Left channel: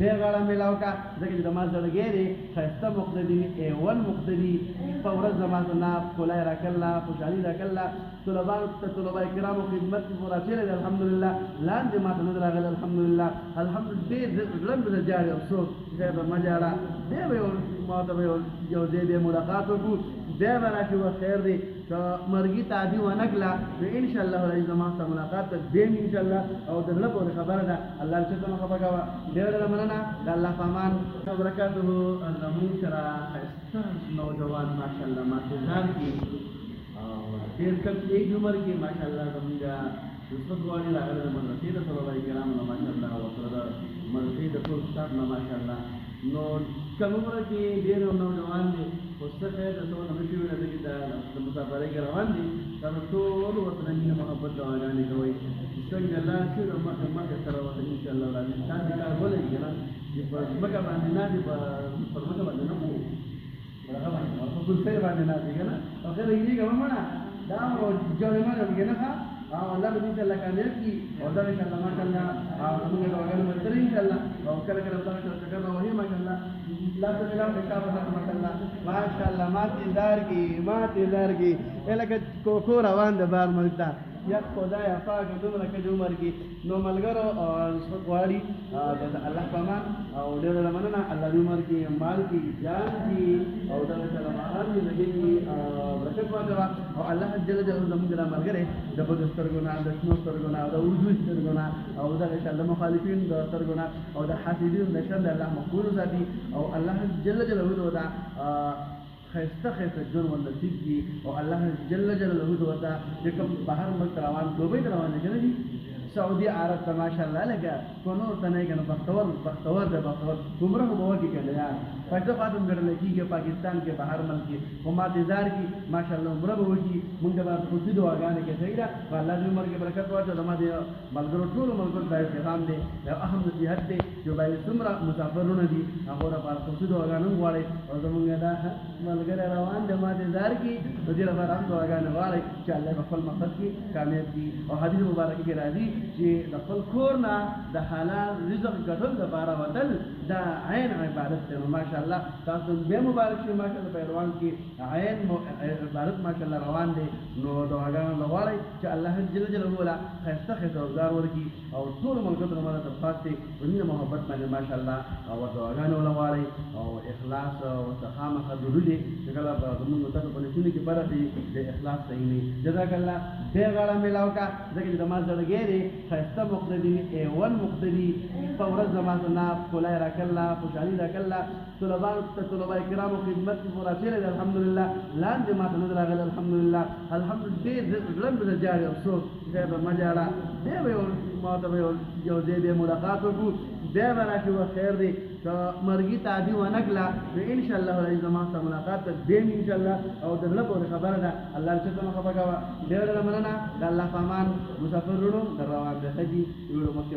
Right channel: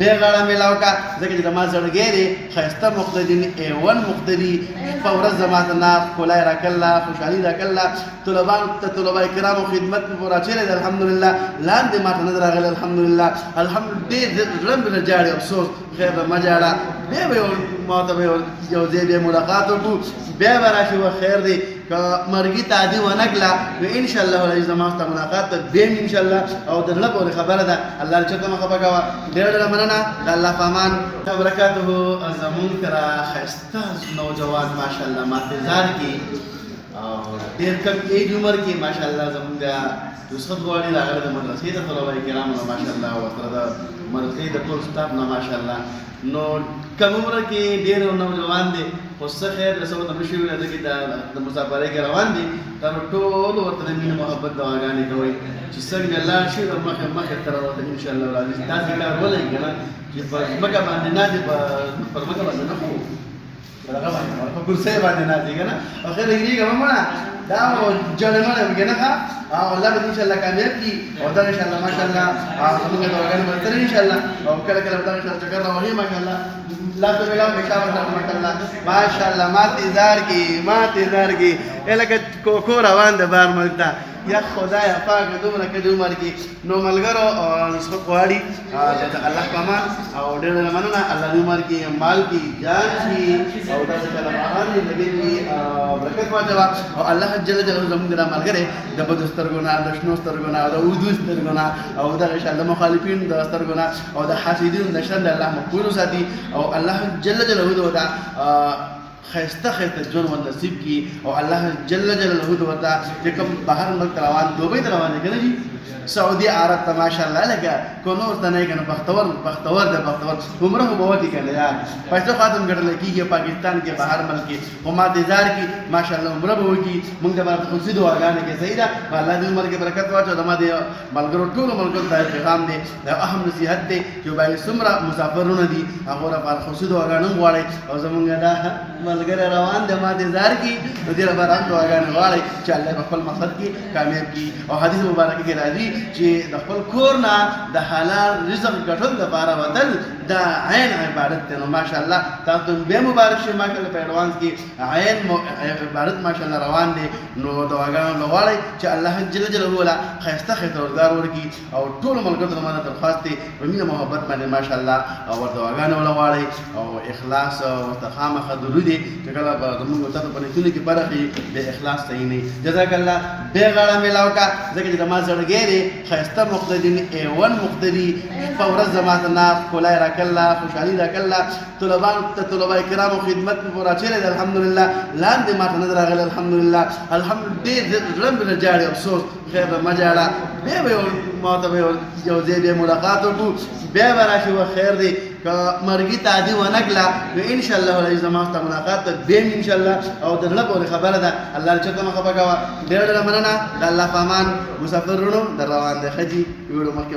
بغړه ملاو کا ځکه چې د ما زړګی دی ښایسته مقتدي A1 مقتدي په ورځ زما ته نه ښکلی راکړله خوشحالي راکړله طلبانو ته طلبه کرامو خدمت مې پوره چیرې دی الحمدلله لاندې ما ته نه دی راغلی الحمدلله ډېر زړه مې نه جاړي افسوس خیر ده مه جاړه بیا به ما ته به یو ځای بیا ملاقات وکړو بیا به راشي و خیر دی که مرګي تعدي ونه کړله نو انشاءالله العزیز زما ستا ملاقات ته بیا انشاءالله او د زړه پورې خبره ده الله دې چېرته مه خفه کوه ډېره ډېره مننه د الله په امان وبرکاته زمونږ کره ښایسته نوجوان ماشاءالله ماتېزار کې او ډېر کم ایج عمر کې ماشاءالله زمونږ رسخت غواړي راغلی د مدرسې د طلبه کرامو نه ماشاءالله ورسره د مدرسې د ټول سټاف نه ماشاءالله نو کم عمره کې ډېر نوجوان دی خو څه خیر د څه ورته نه شوي ده ځکه د مسافرۍ کې روان دي تاسو ټول ورته د مینې محبت دعاګانې کوئ چې څنګه لاړ شي نو مخې ته راوته انشاءالله العزیز داسې کار ولئ که نه چې په ځمکه باندې ناستې پر ځمکه باندې نه خو په کرسۍ باندې ناستې که نه او خیر هېرېږه مه مړه دا جړې مړې وکړې نه ښه او الله به انشاءالله کامیاب کړي او دغه انشاءالله ماشاءالله زموږ دعاګانې به ترې انشاءالله او کله کله به دغه انشاءالله چکر راوهي ماشاءالله لاس په ملاو کې شابه سره ماشاءالله ماشاءالله ماتېزار کې لکه کوکو روان د بار ملک ته یا خدایا پاک دومره کډې عمر کې نو ملګرو نسخه غواړي د الله په امان او ډېره مننه الله دې عمر کې مال کې جان شي او داسې کله مهان دې لګي برکت واچوه او الله جل جلاله زموږ دا ملګری د بدو سترګو نه د شنو سترګو نه او د اردو سترګو نه او دغه انشاءالله مخالفین د سترګو نه او د حاسدینو د شر د الله محفوظ وساتي او الله جل جلاله دا ښایسته ژوند ور نصیب کړي او الله جل جلاله ورته چې کوم بهر ملک ته روان دوبۍ ته روان دی که نه جي سعودي عرب ته ماشاءالله لکه که نور ته نه یې که نه بختور دی بختور عمره خو به وکړي که نه یار پیسې خو هم ګټلی کېږي پاکستان کې بهر ملک کې خو ماتېزار کې ماشاءالله عمره به وکړي موږ ته به خصوصي دعاګانې کې صحیح ده الله دې عمر کې برکت واچو زما د ملګرو ټولو ملګرو ته پیغام دی دا اهم نصیحت دی چې باید څومره مسافرونه دي هغو لپاره خصوصي دعاګانې هم غواړئ او زموږ دا ملګری روان دی ماتېزار کې نو دې لپاره هم دعاګانې غواړئ چې الله په خپل مقصد کې کامیاب کړي او حدیث مبارکه کې راځي چې د خپل کور نه د حلال رزق ګټل دپاره وتل دا عین عبادت دی نو ماشاءالله تاسو ته بیا مبارک شي ماشاءالله په ایډوانس کې عین عبادت ماشاءالله روان دی نو دعاګانې به غواړئ چې الله جل جلاله له ښایسته روزګار ورکړي او ټولو ملګرو ته زما درخواست دی په مینه محبت باندې ماشاءالله او ورته دعاګانې وله غواړئ او اخلاص ورته خامخا ضروري دی چې کله به زموږ تاسو په نیتونو کې برخې د اخلاص صحیح نه جزاک الله بیا غاړه ملاو کا ځکه چې د ما زړګی دی ښایسته مقتدي A1 مقتدي په ورځ زما ته نه ښکلی راکړله خوشحالي راکړله طلبانو ته طلبه کرامو خدمت مې پوره چیرې دی الحمدلله لاندې ما ته نه دی راغلی الحمدلله ډېر زړه مې نه جاړي افسوس خیر ده مه جاړه بیا به ما ته به یو ځای بیا ملاقات وکړو بیا به راشي و خیر دی که مرګي تعدي ونه کړله نو انشاءالله العزیز زما ستا ملاقات ته بیا انشاءالله او د زړه پورې خبره ده الله دې چېرته مه خفه کوه ډېره ډېره مننه د الله په امان مسافرونو در روان دی ښه جي ویډیو مخکې